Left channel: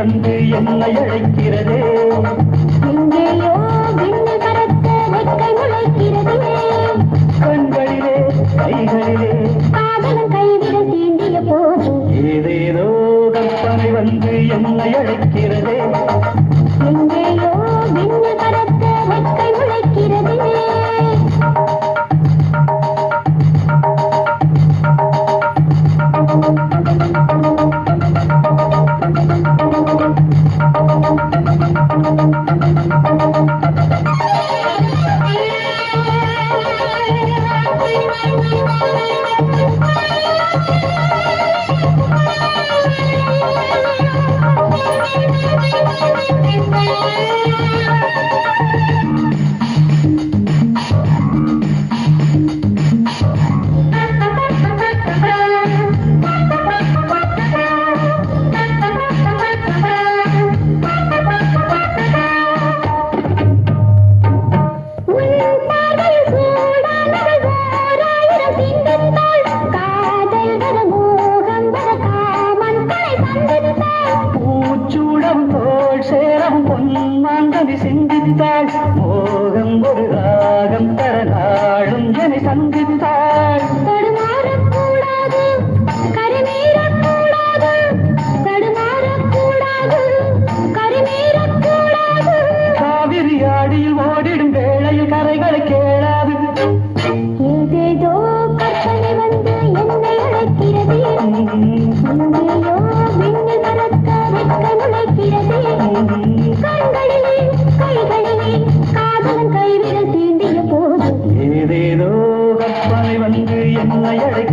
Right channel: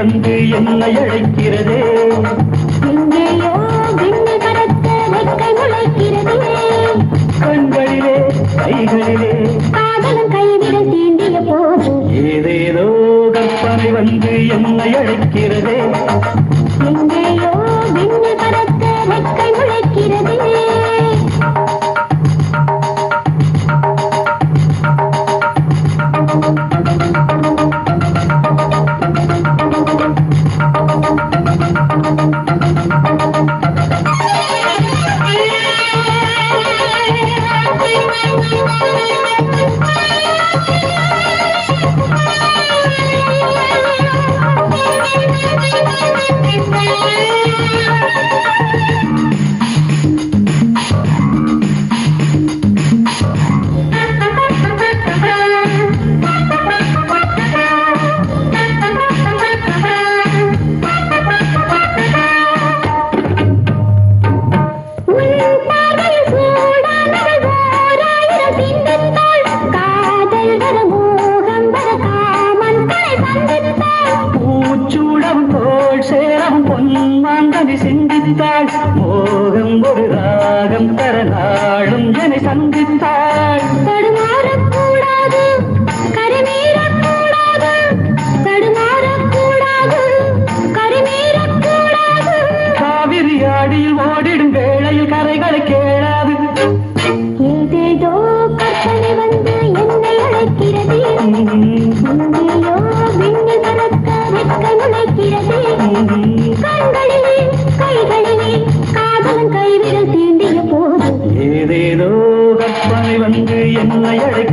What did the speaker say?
வந்து என்னை அழைக்கிறதே. எங்கேயோ விண்ணை பறக்க வெட்கை முளைக்கிறதே. கண்களிலே கைகளிலே காதலும் கைவிரல் தீண்டிய போது ஏதேதோ கற்பனை வந்து என்னை அழைக்கிறதே. எங்கேயோ விண்ணை பறக்க வெட்கை முளைக்கிறதே. பூச்சூடம் தோள் சேரம் பொன்மாந்ததி சிந்தித்தாள். மோகம் ஒரு ராகம் தர நாளும் என்னை சந்தித்தாள். தடுமாறக்கூடாது, கரைமீறக்கூடாது, தடுமாறக்கூடாது, கரைமீறக்கூடாது. காவிரி ஆடியில் ஓடிடும் வேளையில் கரைகளை கேளாது. ஏதேதோ கற்பனை வந்து என்னை அழைக்கிறது. எங்கேயோ விண்ணை பறக்க வெட்கை முளைக்கிறது. கண்களிலே கைகளிலே காதலும் கைவிரல் தீண்டிய போது ஏதேதோ கற்பனை வந்து என்னை அழைக்கிறது.